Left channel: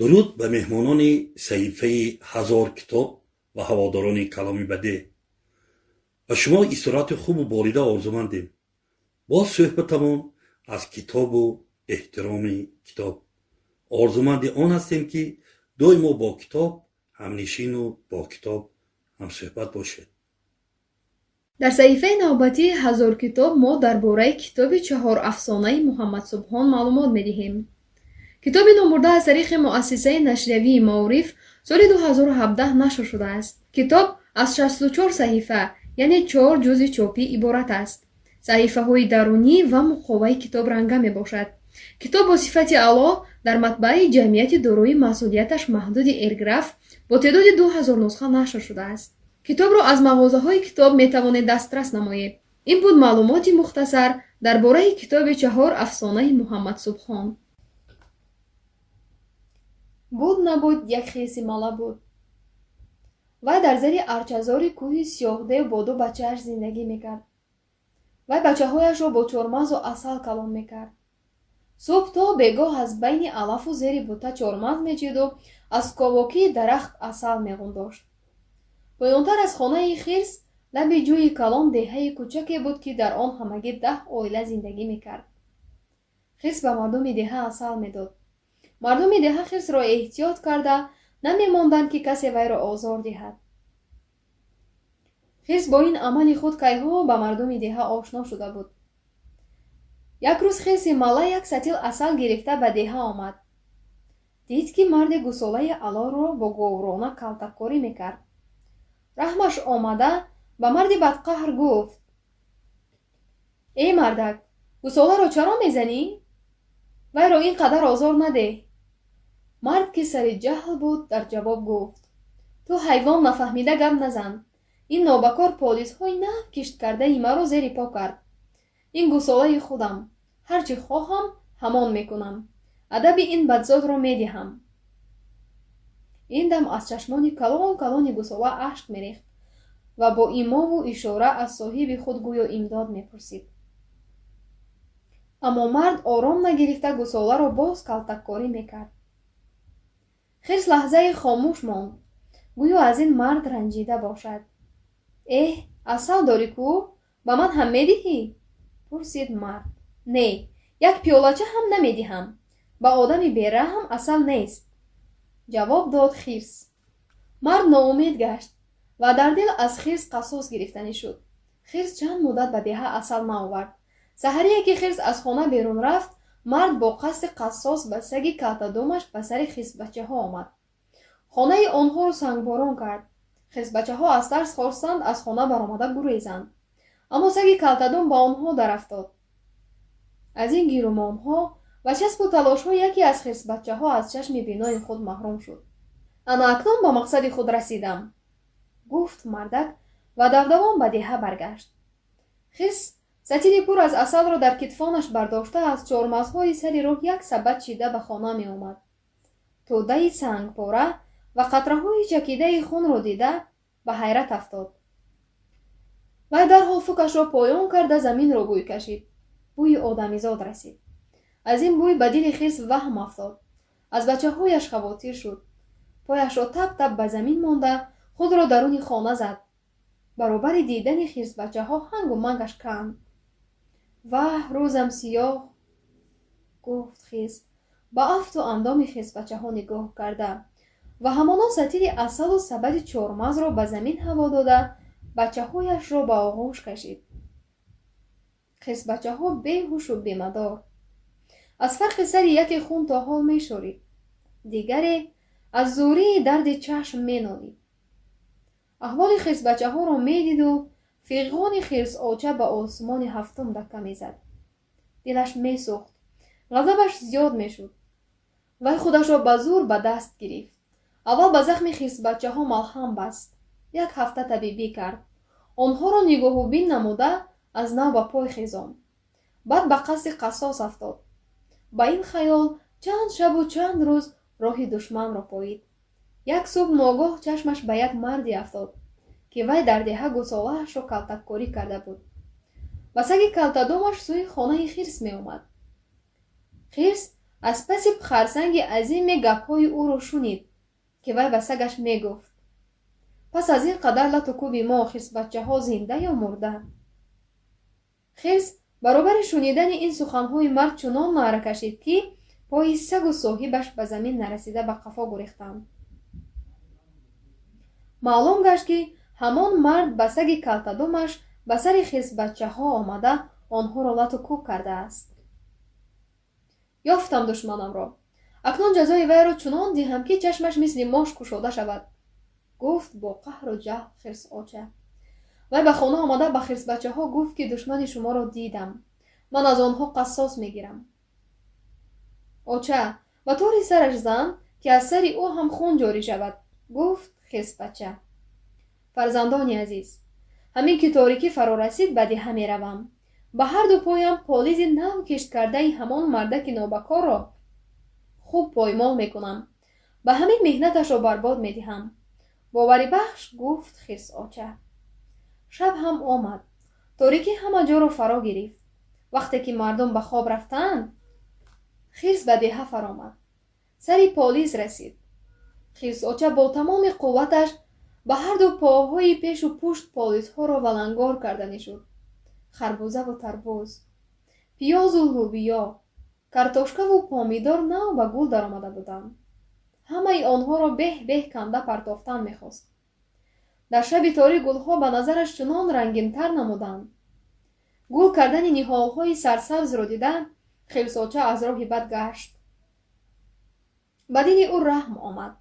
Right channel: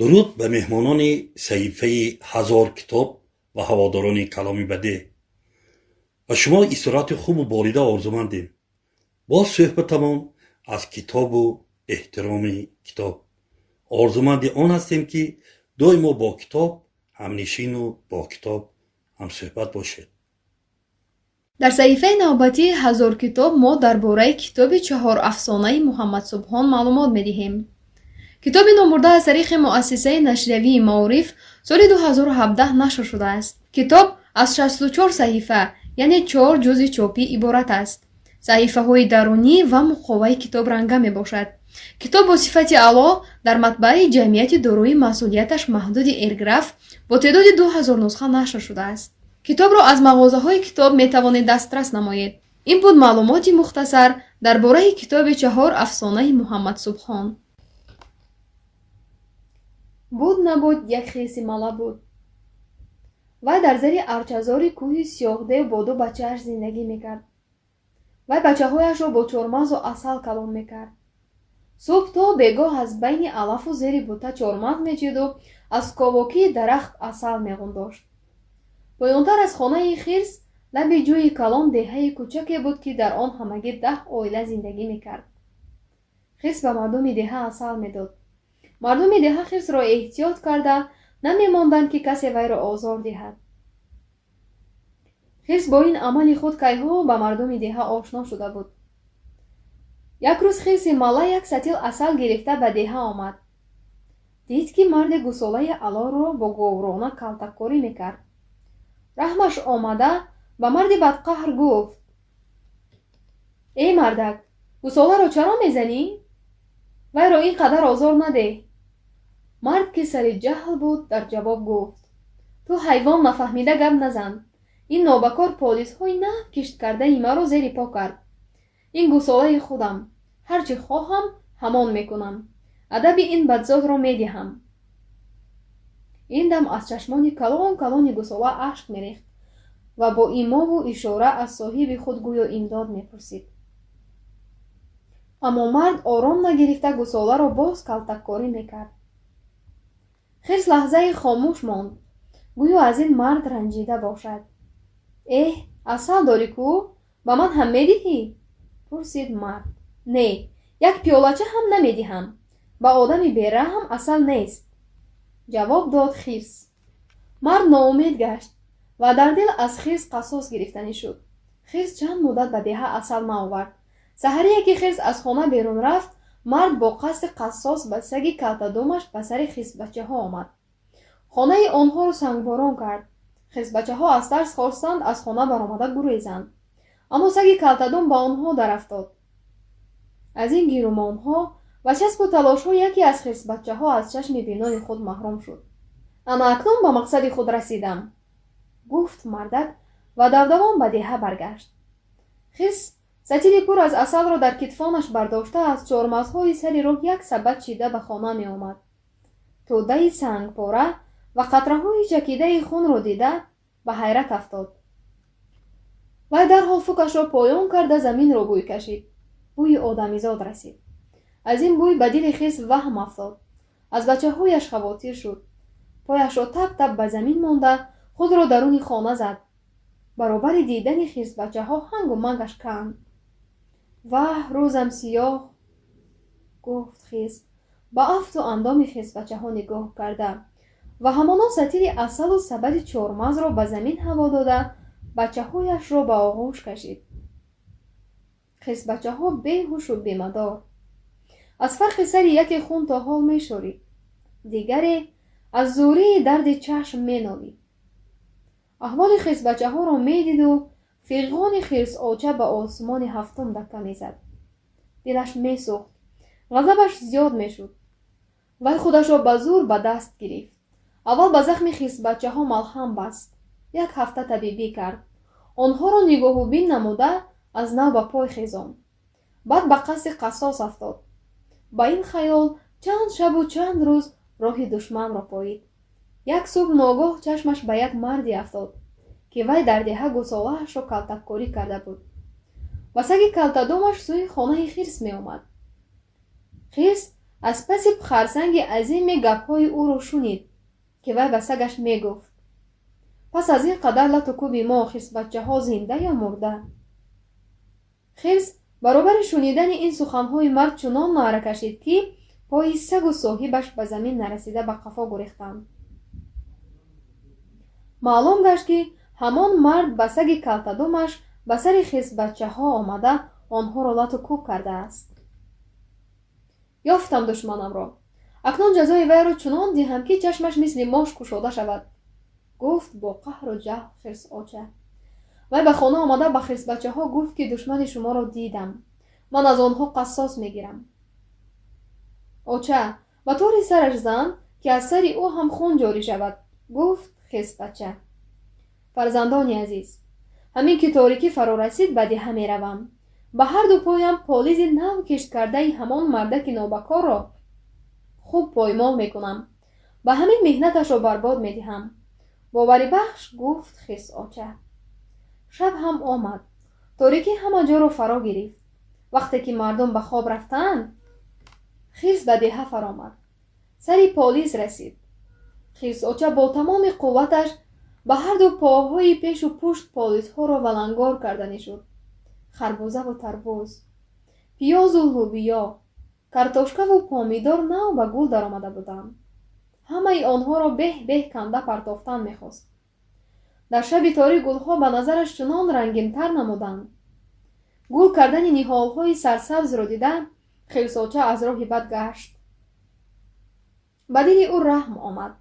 дуруд ба меҳмонони саҳифаи ҳазор китоб ва ҳаводорони каломи бадеъ. ба шумо истироҳати хубу болида орзумандем. боз суҳбатамон аз китобу эҳтироми китоб. орзуманди он ҳастем ки доимо бо китоб ҳамнишину бо китоб ҳамсуҳбат бошед. дар саҳифаи навбатии ҳазор китоб мо дар бораи китоби 4 афсонаи Муҳаммад Субҳон маълумот медиҳем. китоби номбурда аз тариқи муассисаи нашриявии Маориф соли 2017 нашр шудааст. китоб аз 64 саҳифа, яъне 4 ҷузъи чопӣ иборат аст. саҳифаҳои дарунӣ ва муқоваи китоб ранга мебошад. китоб бо сифати аъло дар матбаъи ҷамъияти дорои масъулияташ маҳдуди Эрграф бо теъдоди 2000 нусха нашр шудааст. китобро аз мағозаҳои китоб метавонед дастрас намоед. ин буд маълумоти мухтасар дар бораи китоби 4 афсонаи Муҳаммад Субҳон. буд набуд як хиси мала буд. вай дар зери арчазори кӯҳи сиёҳдев бо 2 бачааш зиндагӣ мекард. вай бачаҳояшро бо чормағзу асал калон мекард. субҳ то бегоҳ аз байни алафу зери бута чормағз мечиду аз ковокии дарахт асал меғундошт. поёнтар аз хонаи хирс лаби ҷӯи калон деҳаи кӯчаке буд ки дар он ҳамагӣ 10 оила зиндагӣ мекард. хирс ба мардуми деҳа асал медод. мардуми деҳа хирсро эҳтиёт карда намемонданд ки касе вайро озор диҳад. хирс бо ин амали худ кайҳо ба мардуми деҳа ошно шуда буд. як рӯз хирси мала як сатил асал гирифта ба деҳа омад. дид ки марди гусолаи алоро бо говрона калтаккорӣ мекард. раҳмаш омада ба марди бадқаҳр гуфт: эй мардак, гусоларо чаро мезанӣ? вайро ин қадар озор надеҳ. мард ки сари ҷаҳл буд дар ҷавоб гуфт: ту ҳайвон нафаҳмида гап назан. ин нобакор полисҳои наҳв кишт кардаи маро зери по кард. ин гусолаи худам. ҳар чӣ хоҳам ҳамон мекунам. адаби ин бадзодро медиҳам. ин дам аз чашмони калони гусола ашк мерехт ва бо имову ишора аз соҳиби худ гӯё имдод мепурсид. аммо мард ором нагирифта гусоларо боз калтаккорӣ мекард. хирс лаҳзаи хомӯш монд, гӯё аз ин мард ранҷида бошад. эҳ, асал дорӣ кӯ? ба ман ҳам медиҳӣ? пурсид мард. не, як пиёлача ҳам намедиҳам. ба одами бераҳм асал нест, ҷавоб дод хирс. мард ноумед гашт ва дар дил аз хирс қасос гирифтанӣ шуд. хирс чанд муддат ба деҳа асал наовард. саҳарие ки хирс аз хона берун рафт, мард бо қасди қассос ба саги калтадумаш ба сари хисбачаҳо омад. хонаи онҳоро сангборон кард. хисбачаҳо аз тарс хостанд аз хона баромада гурезанд, аммо саги калтадум ба онҳо дарафтод. аз ин гирумонҳо ва часпу талошҳо яке аз хисбачаҳо аз чашми бинои худ маҳрум шуд. ана акнун ба мақсади худ расидам, гуфт мардак ва давдавон ба деҳа баргашт. хирс сатили пур аз асалро дар китфонаш бардошта аз чормағзҳои сари роҳ як сабад чида ба хона меомад. тӯдаи сангпора ва қатраҳои чакидаи хунро дида ба ҳайрат афтод. вай дарҳол фукашро поён карда заминро бӯй кашид. бӯи одамизод расид. аз ин бӯй ба дили хирс ваҳм афтод. аз бачаҳояш хавотир шуд. пояшро тап тап ба замин монда худро даруни хона зад. баробари дидани хирсбачаҳо ҳангу мангаш канд. ваҳ, рӯзам сиёҳ, гуфт хирс ба афту андоми хирсбачаҳо нигоҳ карда ва ҳамонон сатили асалу сабади чормағзро ба замин ҳаво дода бачаҳояшро ба оғӯш кашид. хирсбачаҳо беҳушу бемадор. аз фарқи сари яке хун то ҳол мешорид, дигаре аз зӯрии дарди чашм менолид. аҳволи хирсбачаҳоро медиду фиғони хирсоча ба осмони ҳафтум дакка мезад. дилаш месӯхт, ғазабаш зиёд мешуд. вай худашро ба зур ба даст гирифт. аввал ба захми хирсбачаҳо малҳам баст. як ҳафта табибӣ кард. онҳоро нигоҳубин намуда аз нав ба пой хезонд. баъд ба қасди қассос афтод. ба ин хаёл чанд шабу чанд рӯз роҳи душманро поид. як субҳ ногоҳ чашмаш ба як марде афтод ки вай дар деҳа гусолаашро калтаккорӣ карда буд. ба саги калтадумаш сӯи хонаи хирс меомад. хирс аз паси харсанги азими гапҳои ӯро шунид, ки вай ба сагаш мегуфт: пас аз ин қадар лату кӯби мо хирсбачаҳо зинда ё мурда? хирс баробари шунидани ин суханҳои мард чунон наъра кашид, ки пои сагу соҳибаш ба замин нарасида ба қафо гурехтанд. маълум гашт, ки ҳамон мард ба саги калтадумаш ба сари хирсбачаҳо омада онҳоро лату кӯб кардааст. ёфтам душманамро. акнун ҷазои вайро чунон диҳам, ки чашмаш мисли мош кушода шавад, гуфт бо қаҳру ҷаҳл хирсоча. вай ба хона омада ба хирсбачаҳо гуфт, ки душмани шуморо дидам. ман аз онҳо қассос мегирам. оча ба тӯри сараш зан, ки аз сари ӯ ҳам хун ҷорӣ шавад, гуфт хирсбача. фарзандони азиз, ҳамин ки торикӣ фаро расид ба диҳа меравам. ба ҳарду поям полизи нав кишт кардаи ҳамон мардаки нобакорро хуб поймол мекунам. ба ҳамин меҳнаташро барбод медиҳам. бовари бахш, гуфт хирсоча. шаб ҳам омад. торикӣ ҳама ҷоро фаро гирифт. вақте ки мардум ба хоб рафтанд, хирс ба деҳа фаромад. сари полис расид. хирсоча бо тамоми қувваташ ба ҳарду поҳои пешу пушт полисҳоро валангор карда нишуд. харбузаву тарбуз, пиёзу лӯбиё, картошкаву помидор нав ба гул даромада буданд. ҳамаи онҳоро беҳ-беҳ канда партофтан мехост. дар шаби торик гулҳо ба назараш чунон рангинтар намуданд. гул кардани ниҳолҳои сарсабзро дида, хирсоча аз роҳи бад гашт. ба дили ӯ раҳм омад.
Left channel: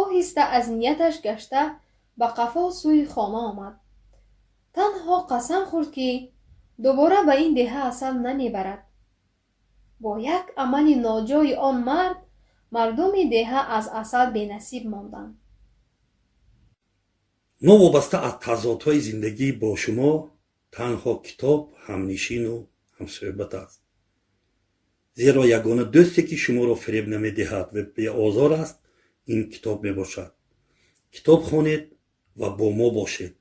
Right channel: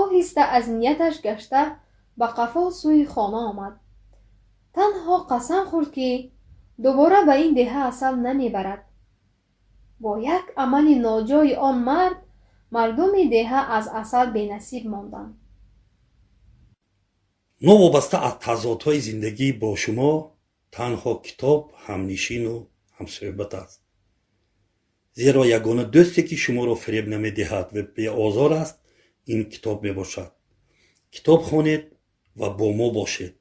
оҳиста аз нияташ гашта ба қафо сӯи хона омад. танҳо қасам хӯрд, ки дубора ба ин деҳа асал намебарад. бо як амали ноҷои он мард, мардуми деҳа аз асал бенасиб монданд. новобаста аз тазодҳои зиндагӣ бо шумо танҳо китоб ҳамнишину ҳамсӯҳбат аст. зеро ягона дӯсте ки шуморо фиреб намедиҳад ва беозор аст, ин китоб мебошад. китоб хонед ва бо мо бошед.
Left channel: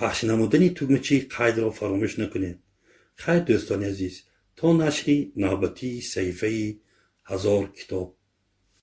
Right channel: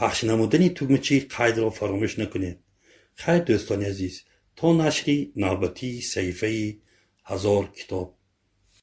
пахш намудани тугмачи қайдро фаромӯш накунед. хайр дӯстони азиз, то нашри навбатии саҳифаи 1000 китоб.